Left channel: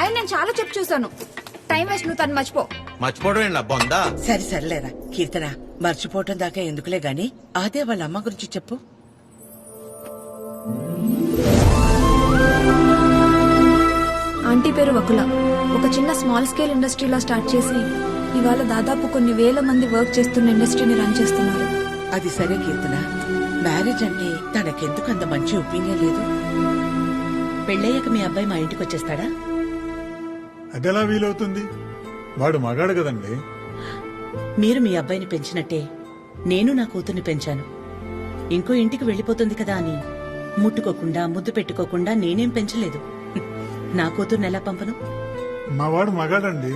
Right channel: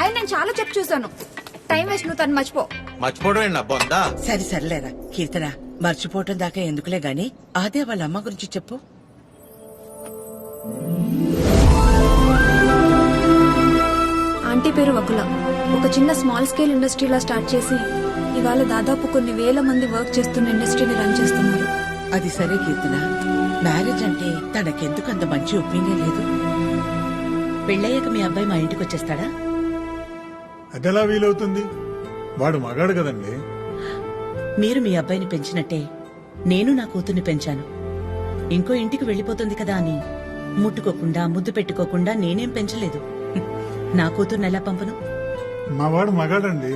అయినా నేను చాలా చెప్పు చూసాను. టైం వేస్ట్, నువ్వు తను మర్చిపో. మర్చిపోవడం ఏంటి బొందా? సరే సర్లేరా కీర్తన, మర్చిపోవటం దాకా ఎందుకులే గాని అదే వాళ్ళ అమ్మ గురించి చెప్పు. ఆంటీ పేరు వకుల. ఒక చిన్న స్మాల్ స్కేల్ ఇండస్ట్రీలా స్టార్ట్ చేసి ఇవాళ దాదాపు కొన్ని వేల మంది వర్క్ చేస్తున్న ఇండస్ట్రీని రన్ చేస్తున్నారు. అది సరే కీర్తన, మ్యారేజ్ అంటే తనకెందుకు అంత మంచి ఒపీనియన్ లేదు? పెళ్ళయ్యాక మీ అబ్బాయి మా ఇంటికి వచ్చేస్తాడా? అదెలా వీలవుతుంది? వాడు మగాడు కదండి. మీరు మీ అబ్బాయిని పెంచినట్టే నేను నా కూతుర్ని పెంచాను. ఇంకో ఇంటికి వెళ్ళిపోతుంది కదా అని ముట్టుకోకుండా ముద్దు పెట్టుకోకుండా నేనేం పెంచలేదు. నా కూతుర్ని ఎలా పంపను? మా వాడు మగాడండి.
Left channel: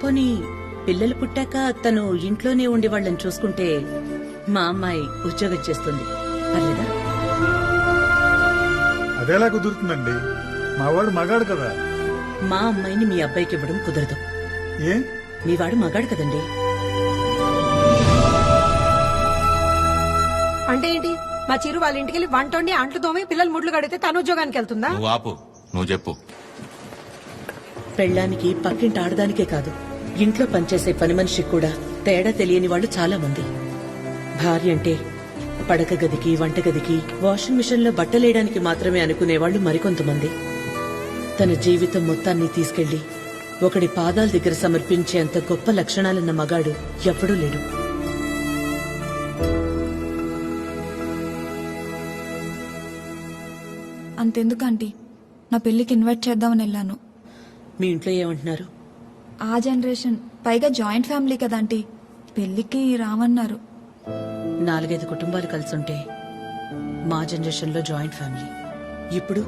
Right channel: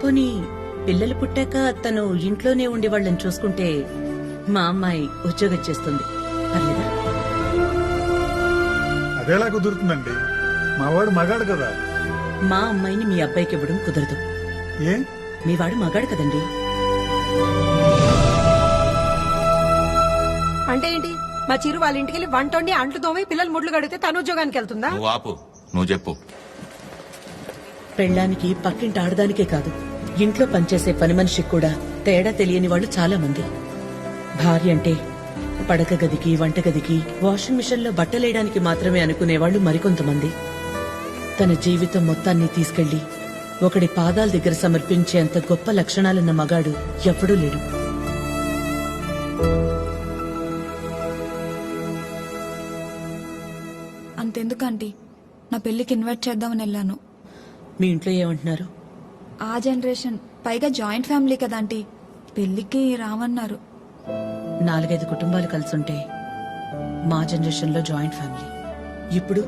పోనీ పిల్లలు పుట్టాక తను ఇంట్లోనే ఉండి వాళ్ళని చూసుకుంటే మా అమ్మాయి ఉద్యోగం చేస్తుంది, పర్లేదా? అదెలా కుదురుతుందండి? మా వాడు మగాడు కదా. మా అమ్మాయిని మీ అబ్బాయికి ఇవ్వడం కుదరదు. ఏ? మీ వాడు మగాడు కదండి. అంటే ఏంటి? మా చిరు వాళ్ళ ఇంటికి వెళ్ళి వంట వండి అంట్లు తోమి పిల్లలు ముడ్లు కడితే తను ఉద్యోగానికి వెళ్తుందా? నువ్వు ఆపు, నువ్వు చెప్పు. పెళ్ళానికి పక్కింటి ఆడదానికే కాదు, ఇంట్లో పనిచేసే పని మనిషికి కూడా తేడా తెలియని వాళ్ళు చాలా మంది. భార్య అంటే పడక గదికి, వంటగదికి, వాషింగ్ మిషన్లో బట్టలేయడానికి మాత్రమే అనుకునేవాళ్లు మరికొంతమంది. తన జీవితం మొత్తాన్ని తీసుకెళ్లి ఒకడి పాదాల దగ్గర సమర్పించేంత గొప్ప లక్షణాలున్న మగాడు ఎప్పుడూ లేడు. అంతెందుకు ఆంటీ, నా పెళ్లికి ఇన్వైట్ చేద్దామని వెళ్ళాను. మీ ఇంట్లో ఏమంటున్నారు? ఆ జనరేషన్, పైగా జాయింట్ ఫ్యామిలీ కదా ఆంటీ, పెళ్లికి రామన్నారు. 4-5 కుటుంబాలు కలిసుంటే మా జనరేషన్లో జాయింట్ ఫ్యామిలీ. ఇప్పుడు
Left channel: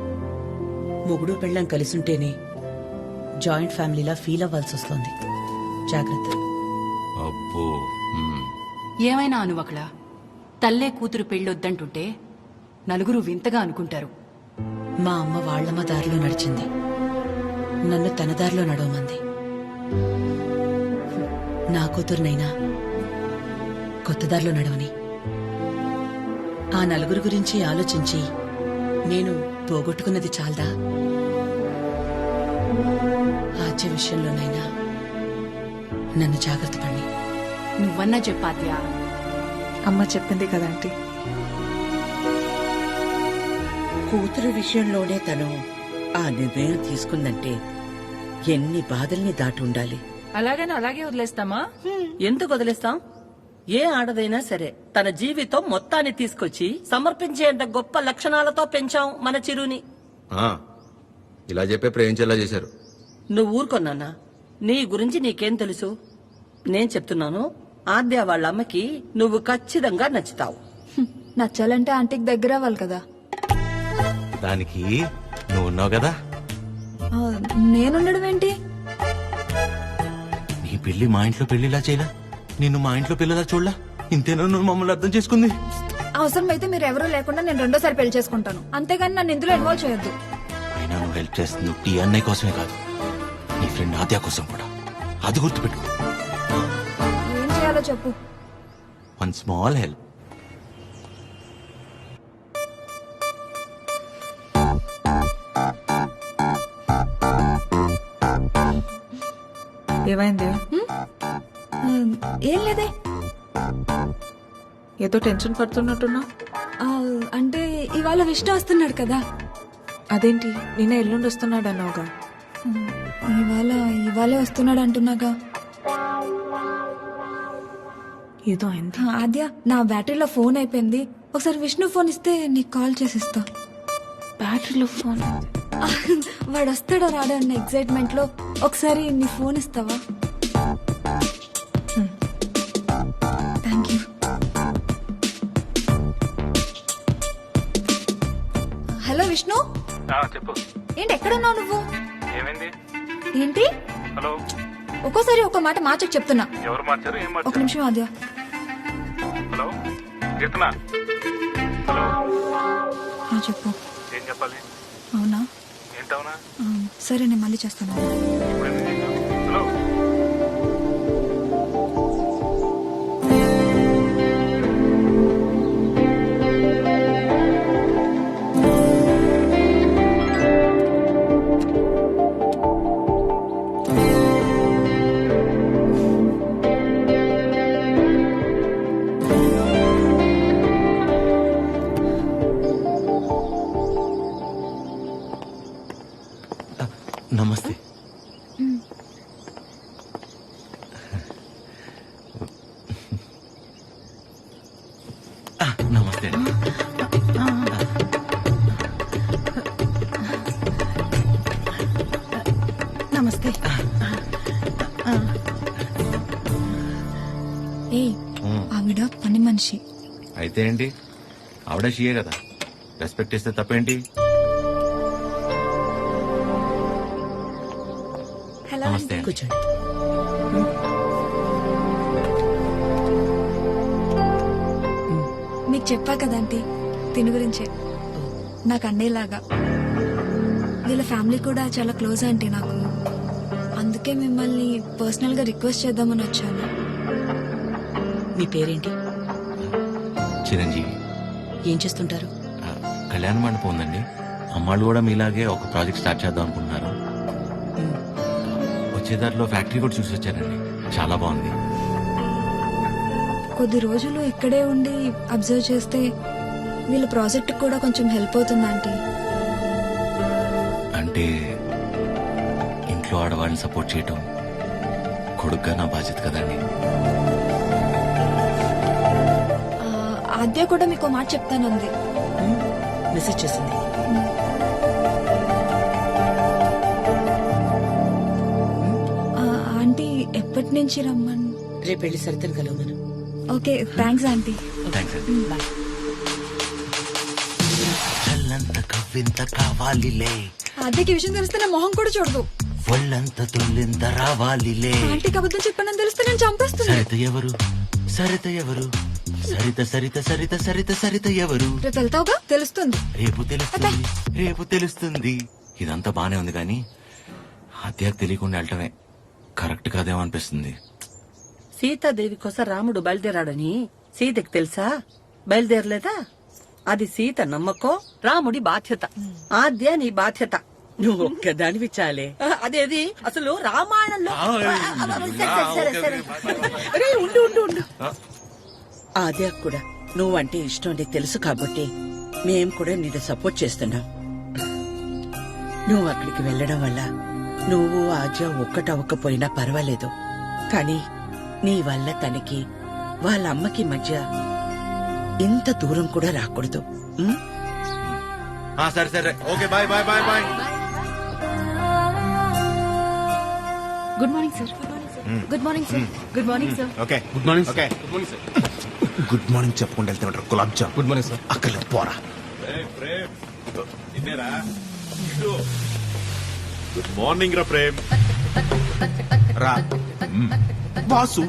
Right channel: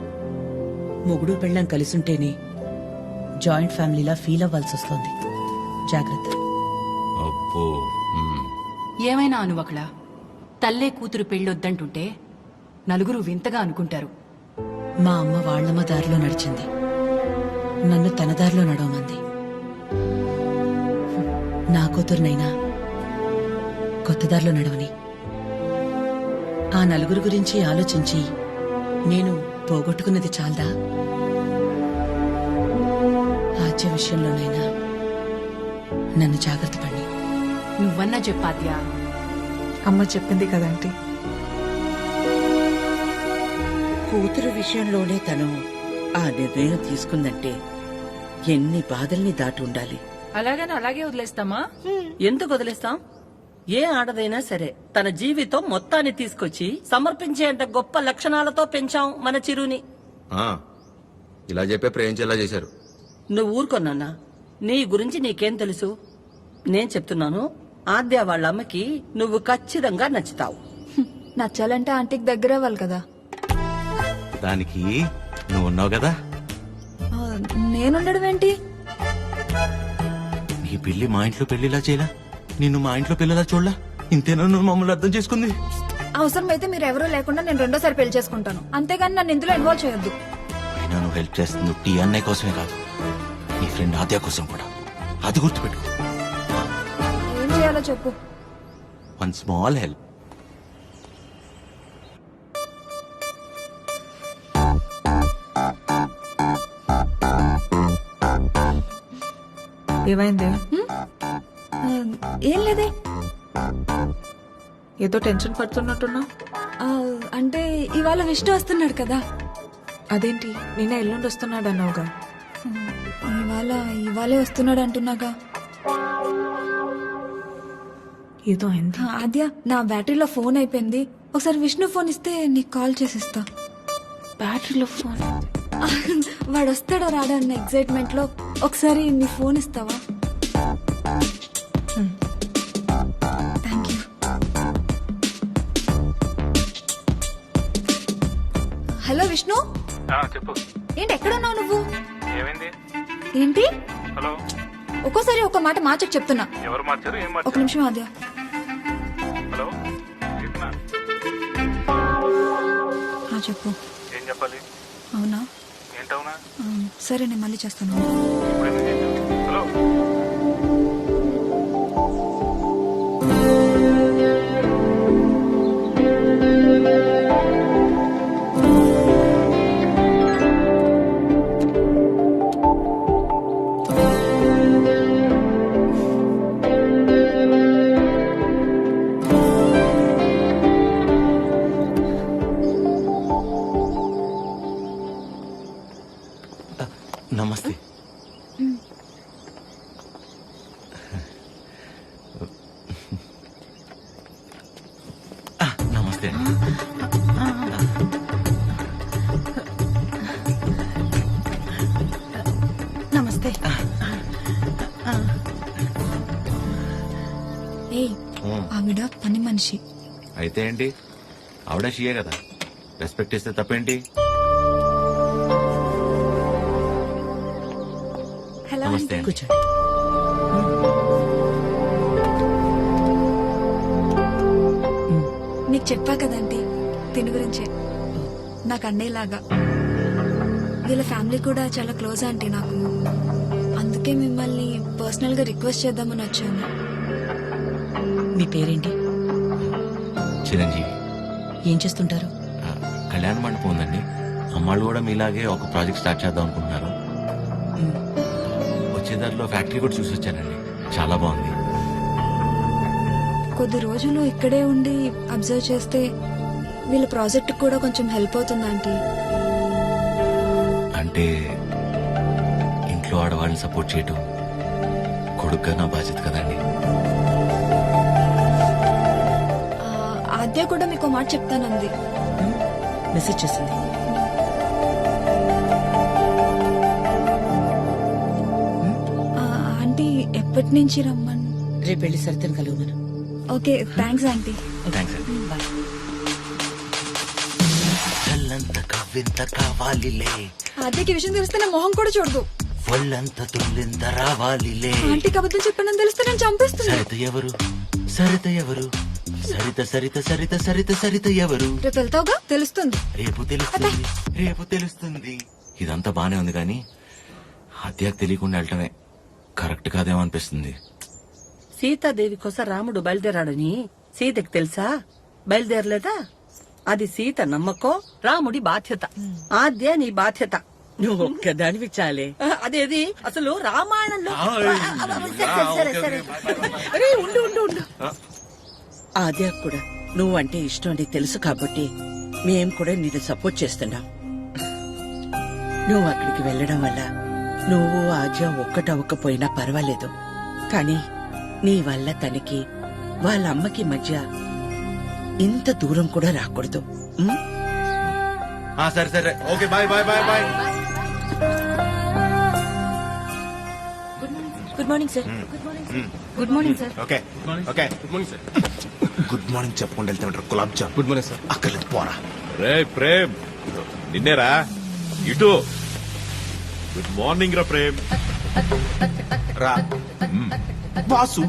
మొగుడు పెళ్ళం కలిసుంటేనే జాయింట్ ఫ్యామిలీలా ఫీల్ అవ్వాల్సి వస్తోంది. జాగ్రత్త. అబ్బో. ఏమైనా అనువకళ, తల్లే కూతురు పెళ్ళొద్దంటుంటే నలుగురు వింతగా అనుకుంటారు. మా అమ్మ వాళ్ళమ్మ దారిలో నడిచింది, నన్ను తన దారిలో నడవమంది. నా కూతురునైనా కొత్త దారిలో నడవని. ఆ నలుగురు గురించి ఆలోచించి నేను పోగొట్టుకున్నది చాలదా? ఆద్య విషయంలోనైనా నన్ను జాగ్రత్త పడి. నువ్వన్నా చెప్పాద్యా. అమ్మ చెప్పింది కదా ఆంటీ. కూతురు విషయంలోనే తను ఆ నిర్ణయం తీసుకుందంటే ఎన్ని బాధల్ని దాటి ఉండాలి. అలాగని అలాగే వదిలేస్తామా? ఎందుకు వదిలేస్తాం? ఏ ఆడదైనా సరే తన జీవితం మొత్తాన్ని తీసుకొచ్చి సమర్పించేంత గొప్ప లక్షణాలతో పెంచాం మన చిరుని. ఇలా చెప్పే ప్రేమించేలా చేశారు. నువ్వు ఊరుకొన్నా, నీ గురించి నీకేం తెలుసు? నేను చెప్తున్నాను, ఆద్య వాళ్ళ అమ్మకి నువ్వు ఖచ్చితంగా నచ్చుతావు. నచ్చాలంటే ఆంటీకి దగ్గర అవ్వాలి కదా. దానికి నువ్వు ఉన్నావు కదా. నేనుండడం ఏంటి? నీ పెళ్లి మా ఇంట్లో పెళ్లిలా చేయలా, నిన్ను మా ఇంట్లో పిల్లలా చూడలా. ఇంతేనా నువ్వు మమ్మల్ని అర్థం చేసుకుంది? అవసరమైతే మీరు ఎవరూ లేకుండా నేను రెండోసారి పెళ్లి చేసుకుంటాను, అంతేగాని నన్ను ఇందులో ఇన్వాల్వ్ చేయొద్దు. అయినా నువ్వు హెల్ప్ చేస్తుంది టీ అన్నయ్య కోసమే కాదు, నీ ఫ్రెండ్ ఆద్య కోసం కూడా. అది గుర్తుపెట్టుకో. ఏం చేయాలో చెప్పు. One small help. ఏమైంది? ఏం లేదే. ఏదో టెన్షన్ పడుతున్నట్టున్నా. అంటే ఇవాళ విష్ణు వస్తున్నాడు కదా. అదేంటి, నిన్న ఎల్లుండి వస్తున్నాడు అన్నావుగా. ఇవాళే వస్తున్నాడు అంటున్నాగా. ఏదో అయింది. ఆద్య, నా బ్యాటరీలో ఫోన్ అయిపోయింది, ఒకసారి విష్ణు ఫోన్ ఇస్తే నీకు కాల్ చేసిస్తా. బ్యాటరీలో ఫోన్? వాడు వస్తాడో రాడో అన్న ఎక్సైట్మెంట్ లో ఒకసారి నీ ఫోన్ ఇస్తావా? Thank you. హలో విష్ణు. చెప్పు. ఏంటి ఎక్కడున్నావు నువ్వు? ఏమైంది? ఏంటి? హలో. ఒక్కోసారి ఒక మాట మార్చకు చెప్తున్నా. ఎవరు మార్చారు? ఏం మార్చారు? ఒక నిమిషం ఆద్య. హలో కీర్తన. చెప్పు. ఏం చెప్పాలి? అవునా? ఏంటవునా? సరే నేను మళ్ళీ చేస్తాను. ఇప్పుడు ఎందుకు చేసావు? హలో. నమస్తే నమస్తే అండి నమస్తే ఏ ఆవిడ పని మనిషి. అయితే ఏంటి ఆవిడ షియే కదా, రెస్పెక్ట్ ఇస్తే తప్పేంటి. హలో నమస్తే అండి. కూర్చోండి. మీకు చెప్పా కదంటీ తిని గురించే. నాకు అన్నయ్యలాగా. వీళ్ళ ఫ్యామిలీ కూడా చాలా క్లోజ్ ఆంటీ నాకు. అందుకే మిమ్మల్ని పర్సనల్ గా రిక్వెస్ట్ చేద్దామని వచ్చాను. మీ పేరేంటి? చిరంజీవి. ఏం చేస్తుంటారు? కళ్యాణ మండపం ఉందండి. అమ్మాళ్ళు కూడా మీలాగే ఒక ప్రాజెక్ట్ స్టార్ట్ చేద్దాం అనుకుంటున్నారు. వచ్చే దారిలో ఫ్యాక్టరీ కూడా చూసి వచ్చానండి, చాలా బాగుంది. కొద్ది రోజులు ఇక్కడే ఉండి అబ్జర్వ్ చేస్తే వీళ్ళ ప్రాజెక్ట్ కూడా కొంచెం హెల్ప్ అవుతుంది ఆంటీ. అంటే ఇంట్లో ఆడవాళ్ళని సపోర్ట్ చేయటం కొడుగ్గా నా బాధ్యత కదండి. ఆద్య కూడా మీకు మాట చెప్తానంది. మెసేజ్ చేసింది. ఆంటీ ఎప్పటి నుంచి రమ్మని. రేపు వెళ్ళి సరితను కలవమను. Okay thanks aunty. థ్యాంక్స్ అండి. బాయ్. చల్లంత కవ్వింత కావాలిలే, ఆద్యకి విషయం తెలిస్తే నా మొహం కూడా చూడదు. ఒళ్ళంత తుల్లింత రావాలిలే. ఆంటీకి అబద్ధం చెప్పానని తెలిస్తే నేను చంపేస్తున్నా. సరిత ఎవరు, సరిత ఎవరు, సరిత సరిత సరిత సరిత సరిత ఎవరు. రేపు వెళ్తావుగా తెలుస్తుంది. రేపు తెలుస్తుంది, రేపు తెలుస్తుంది. ఇదంతా బానే ఉంది కానీ హత్యకు తెలియకుండా వెళ్ళటమే కరెక్ట్ కాదేమో అనిపిస్తుంది. సీతాదేవి కోసం రాముడు బయలుదేరాడని సీతకి తెలుసా? బయలుదేరలేదా? అది సీత నమ్మకం, రాముడి బాధ్యత. ఆద్య నీ బాధ్యత. నువ్వు ఒక్కదానివి చాలే. అదేది అసలు రామాయణంలో. సరే, సరే. అరే, ఉండు ఉండు ఉండు. ఆద్య కూడా నువ్వంటే ఇష్టం అని తెలుసు కాబట్టి మేం కూడా నిన్ను సపోర్ట్ చేస్తున్నాం. నువ్వు అక్కడికి వెళ్ళడం వల్ల నువ్వు ఆద్య ఒక్కటవ్వకపోయినా పర్వాలేదు, కానీ నీ వల్ల తనకి వాళ్ళ అమ్మకి మధ్య ఇంత దూరం కూడా రాకూడదు. ఉం? సరే సరే, okay, bye bye bye bye. Good morning sir. Good morning sir. Good morning sir. Good morning sir. Okay good morning. Okay good morning sir. Good morning చెప్పుకుంటూ వెళ్తామంటారు. Gulab jam. Good morning sir. అక్కర్లేదు, పోరా. ప్రేమ్ నిన్నేరా ఇటు. గుడ్ మార్నింగ్ రా ప్రేమ్. రా boss,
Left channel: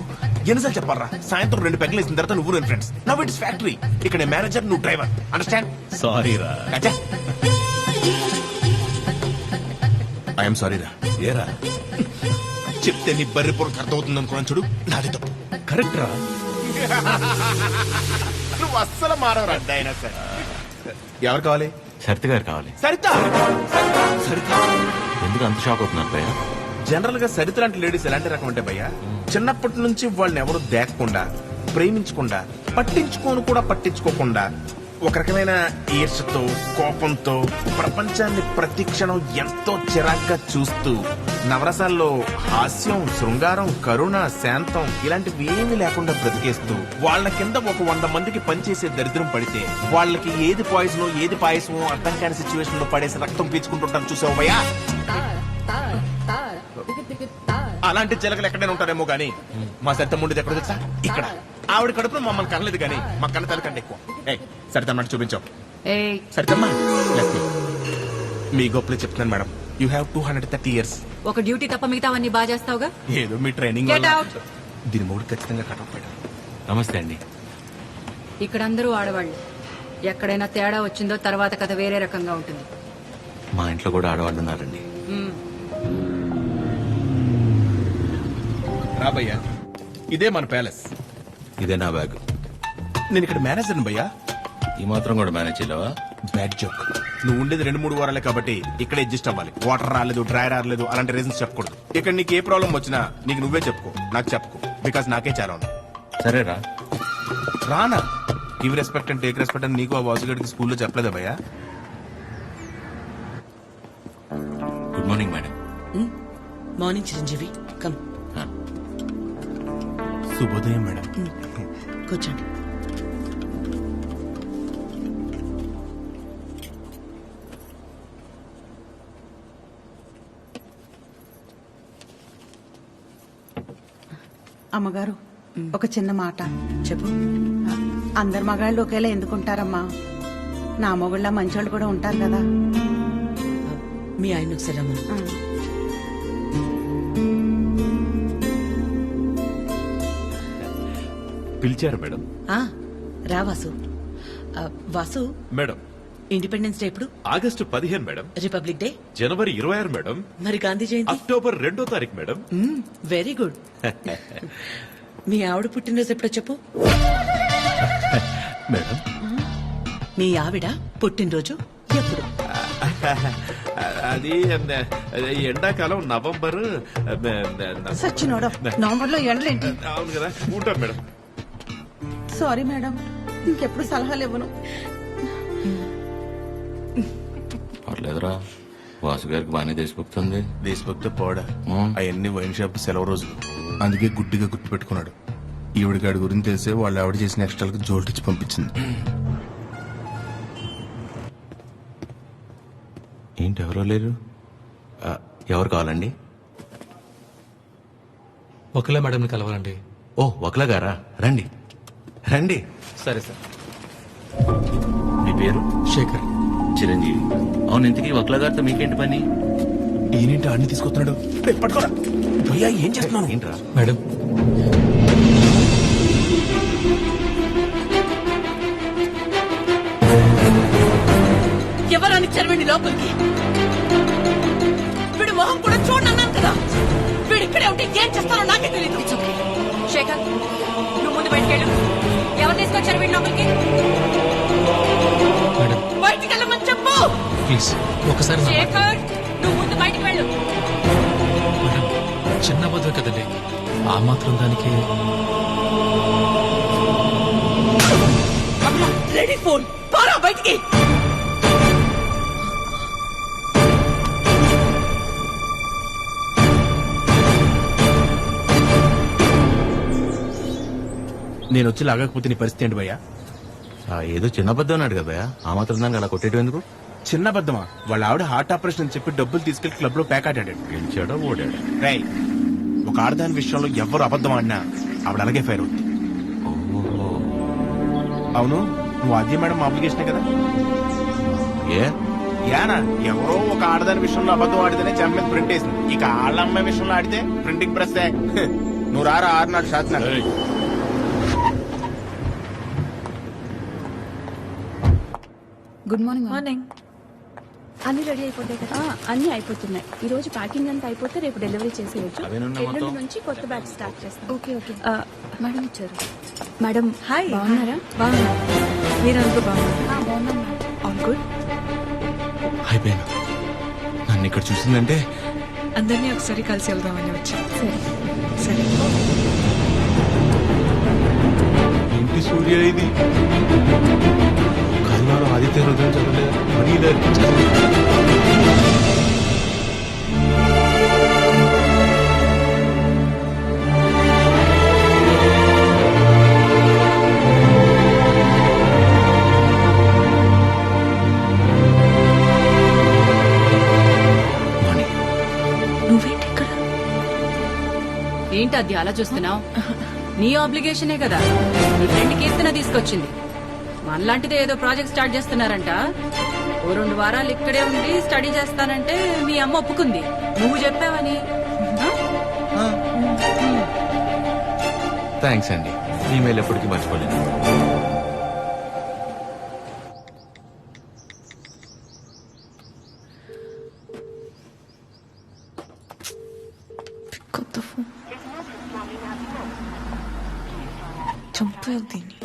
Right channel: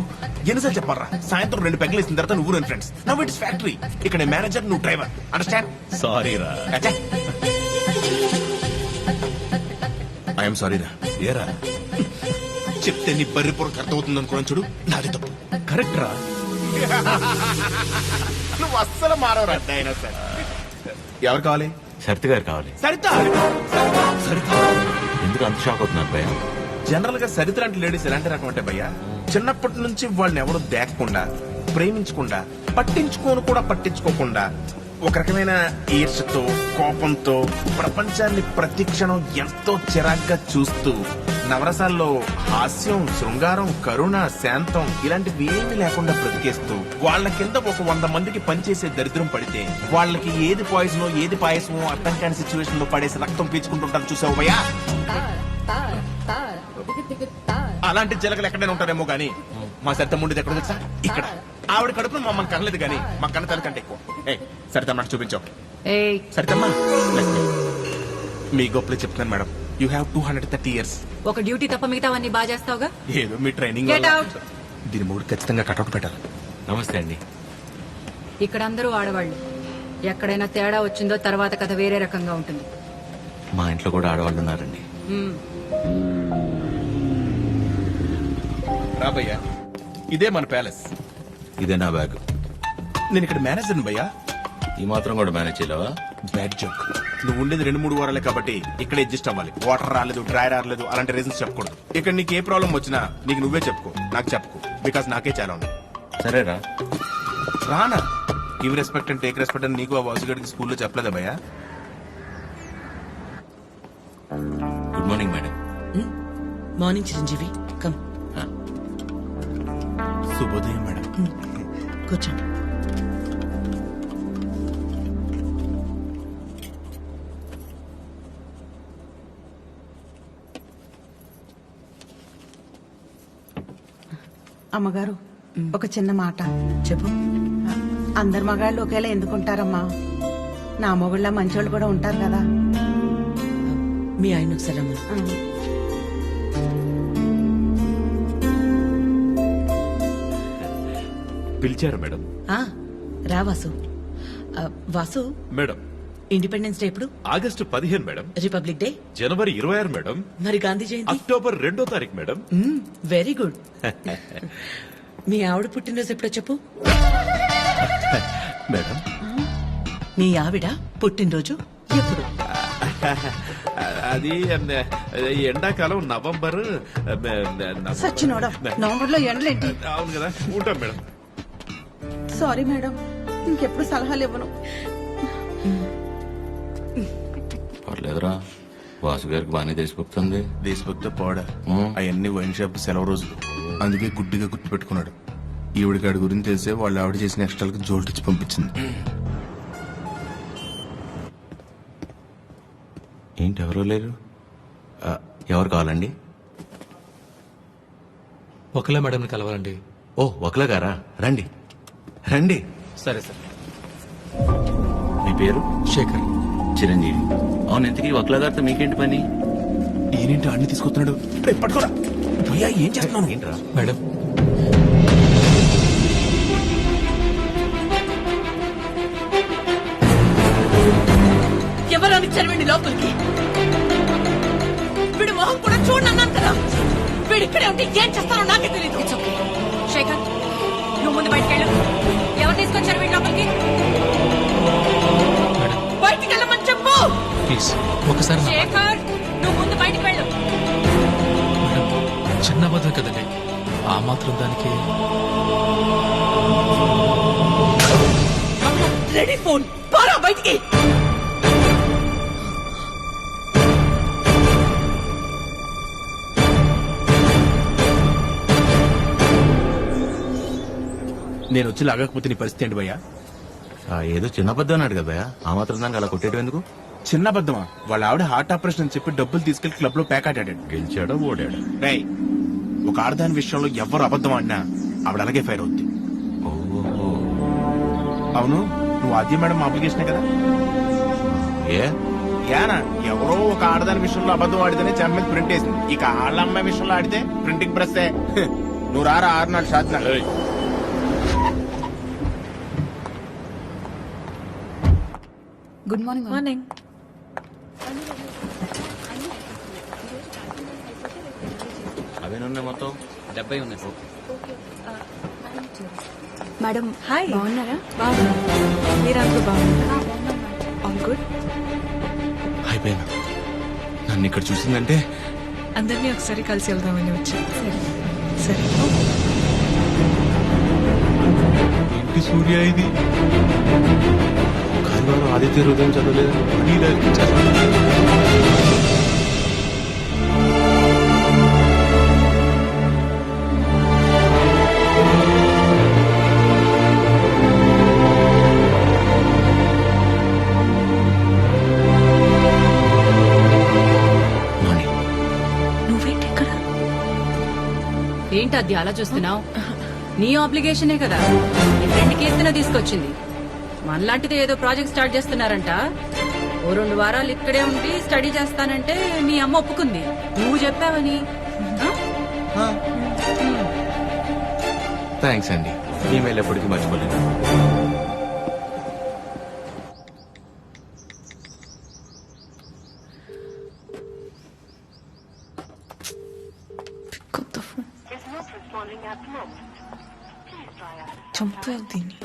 ఎన్నిసార్లు చెప్పాలరా? సాయంత్రం 2 పెగ్గలు వేసిన తర్వాత నువ్వు నేను ఫ్రెండ్స్. Now it's factory. ఇక్కడ నేను మేనేజర్, నువ్వు డ్రైవర్. అండర్స్టాండ్? సారీ రా. ఐఎమ్ సారీ రా. ఏరా చెప్తే నీ బర్రి పొరకు అర్థమవుతుంది అనుకున్నాను చూడు, నాది తప్పు. కరెక్ట్ రా. నువ్వు అస్సలు మారవరా డైనోసార్. ఎవరు కావాలి? సరిత గారు కావాలి. సరిత. సరిత ఎందుకు అంత షాక్ అవుతున్నారు భయ్య? జనరల్ గా సరిత లాంటి లేడీస్ ఎలాంటి రకం అంటే భయ్యా, చిన్నప్పటి నుంచి వాళ్ళని ఎవరు దేకకుండా, ప్రేమించకుండా, పట్టించుకోకుండా ఒక రకమైన ఈర్షతో, కోపంతో ప్రపంచాన్ని ప్రతి క్షణం ఎంతో చిరాగ్గా చూస్తూ, నవరసాల్లో హాస్యం, శృంగారం, కరుణ, శాంతం ఇలాంటివి ఏమీ లేకుండా బ్రతికేస్తూ వాళ్ళ కింద ఒక 100 మందికి పనిచేసే దరిద్రం పడితే వాళ్ళకి ఏది పాయిజనో ఏది పాయసమో అర్థం కాని సిచ్యువేషన్ లో పడేసి రక్తం పీల్చుకుంటుంటారు. చూసావు భయ్యా? అలాంటి జలగలు ఎక్కడైనా ఉంటారేమో గానీ మా సరిత ముండేది ఎక్కడ తెలుసా? ఇక్కడ. ఆవిడ కడుపును మమ్మల్ని కనలేదు గానీ మా కన్న తల్లి కంటే ఎక్కువ. సరితమ్మ చూపించావు. ఏయ్ సరితమ్మా, మీ గొప్పలు చెప్తున్నాను మేడం. You have 230 years. ఒక డ్యూటీ తప్ప మిగతావన్నీ బాగా చేస్తావుగా. ఏదో మీ ట్రైనింగ్ Get out. దీని మూడు ఖచ్చితంగా కటౌట్ పెట్టాలి. నమస్తే అండి. ఇక్కడ అందరూ ఆడవాళ్లు. ఎక్కడైనా తేడా వచ్చిందో తర్వాత కథ వేరే రకంగా ఉంటుంది. మా ఇంట్లో కూడా ఆడవాళ్ళు ఉన్నారండి. మ్మ్. రాబయ్యా, ఇదే మన ప్యాలెస్. ఇదే నా బ్యాగ్. నేను ఇక్కడ మేనేజర్ని భయ్యా. ఈ మాత్రం కూడా మేనేజ్ చేయలేవా? Bad joke. నువ్వు ఉండేది 2-3 వారాలే కాబట్టి ఇక్కడ అడ్జస్ట్ అవ్వాలి. వాటర్ రాలేదు, డ్రై రాలేదు అలాంటి రీజన్స్ చెప్పకూడదు. ఇక్కడ నీకు ఏ ప్రాబ్లం వచ్చినా నీకు నువ్వే చెప్పుకో, నాకు చెప్పుకో. బికాస్ నాకే చాలా ఉంది. సరేరా. రానా? Give respect and take respect అని నీకు ఆ బాసుగడికి స్కూల్లో చెప్పలేదా భయ్యా? Good morning madam. Morning Chiranjeevi come శుభోదయం మేడం. కూర్చోండి. అమ్మగారు ఒక చిన్న మాట. చెప్పు. అందరు మగాళ్ళు ఒకేలా ఎందుకుంటారమ్మా? నా మొగుళ్ళ మంచోళ్ళు కూడా ఉంటారు కదా. మీ ఆయన ఒకసారి రమ్మను. పిలిచారు మేడం. ఆ, రా Vasu. Vasu, madam, independence day ఎప్పుడు? August 15 madam. Republic day? జనవరి 26 మేడం. మరి గాంధీ జయంతి? అక్టోబర్ 2వ తారీఖు మేడం. Very good. మీ ఆవిడ పుట్టినరోజు ఎప్పుడో చెప్పు. మేడం, మీ ఆవిడ పుట్టినరోజు ఎప్పుడు? అది ఎండాకాలం నవంబర్. సచ్చినోడా, నవంబర్ లో ఎండలేంటి? అవును కదా, ఉంటాం మేడం. సారీ మేడం, ఇంకెప్పుడు సలహాలు ఇవ్వను. పర్లేదురా, వాసు గారికి బాగానే దేశభక్తుంది. దేశభక్తి పోడా, అవన్నీ వైన్ షాప్ సెలవు రోజులు, అందుకే గుడ్డిగా గుర్తు పెట్టుకున్నాడు. ఈవిడికాడి గురించి తెలిసే వాళ్ళు ఆవిడ చేసిన ఎక్స్ట్రాలకు జోల్టిచ్చి పంపించింది. ఏంటి ఎవరో లేరు? ఎవరు కావాలండి? ఒకలా మేడం కలవాలండి. ఓ, ఒకలా గారా, రండి రండి. సరే సార్. మీ పేరు? శేఖర్. చిరంజీవి. అవును, ఇంతకీ ఒకలా గారితో మీకేంటి పని? ఈయనేంటి అన్ని తీసుకొస్తున్నాడు? రేయ్, పట్టుకోరా భయ్యా, ఏం చేస్తున్నాను? ఏంట్రా? మేడం, ఎవరని చదివండి లోపలికి. వీడు మొహం కూడా చూడన్నాను కదా. వీడు ఇక్కడే ఉంటే ఏం చేస్తారో నాకే తెలియదు. It's okay. శేఖర్, నువ్వు ముందు బయటకెళ్ళు. ఎవరు తీసుకొచ్చారు వీడి లోపలికి? మేడం బయటికి వెళ్ళమని చెప్పు. ప్లీజ్ ఒకసారి నా మాట. శేఖర్, నువ్వు ముందు బయటికి వెళ్ళు. మేడం, చిన్న అబద్ధం కదండి, ఆ మాత్రం దానికి. రెడీ ఫోన్ పారా బయటికి. నేను వచ్చి లాగకపోతే నీ పరిస్థితి ఏంటి భయ్యా? ఏదో చిన్న అబద్ధం అన్నాడు కదా భయ్యా, ఆ మాత్రం దానికి అలా కొట్టేయడం ఎందుకు? చిన్న అబద్ధమా? వాళ్ళ ఆవిడ హార్ట్ ఆపరేషన్ అని చెప్పి డబ్బులు తీసుకెళ్లి క్లబ్ లో ప్యాక్ ఆడాడు. గెలిచాడా ఓడాడా? రై, ఒక ఆడదాని విషయంలో ఎవరు అబద్ధం ఆడినా ఆవిడ అలాగే ఫైర్ అవుద్ది. ఓహో. అవును, నువ్వు ఆద్య మేడం అప్లికేషనే కదా? ఏ యానా, ఎవరో ఒక ఆడదాని విషయంలో అబద్ధం ఆడితేనే చెమ్మ ప్రింట్ వేసింది. ఇక ఆళ్ళ అమ్మాయి విషయంలో ఆడితే ప్రింటింగ్ ప్రెస్. నువ్వు రారా 6 నాలుగు షాత్. Good morning. మార్నింగ్. అన్ని రెడీ అయిపోతాయి. అన్ని అయిపోతున్నాయి. ఈ రోజు ప్యాకింగ్ అంతా అయిపోతే రేపు డెలివరీ చేసేయచ్చు. అవేనున్నాయి మొత్తం? Okay okay. మేడం వచ్చారు. Madam, hi. బాగున్నారా? బాగున్నాను. మీరందరూ బాగున్నారా? బాగున్నాం మేడం. All good. అయిపోయినా నన్ను ఇక్కడ చూసిందంటే అందరినీ ఒకసారి కలిసి వెళ్దామని వచ్చాం. సరే. సరే. ఏంటి సూర్య ఇది? కాలివారం ఆదిత్య హృదయం చదవలేదు, మరీ ఇలా అనిపించారు. మార్నింగ్. నువ్వేంటి ఇక్కడ? ఏంటి అది అలా చూస్తున్నావు? నీ ఆబ్లిగేషనే కదా నీ ఫ్రెండ్ కీర్తన తీసుకొచ్చింది. మనలాంటిదే ఏదో ప్రాజెక్ట్ స్టార్ట్ చేస్తున్నారంట. ఓ 2 వారాలు ఇక్కడే ఉండి స్టడీ చేస్తానంటే మీ అమ్మ ఒప్పుకుంది. నువ్వు చెప్పావని. థ్యాంక్స్ అండి, ఈమెయిల్ ఎప్పటికీ మర్చిపోలేదు. కొత్త ఫోన్. చంపావు దీన్ని.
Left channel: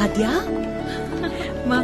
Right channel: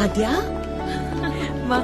ఆద్యా, మా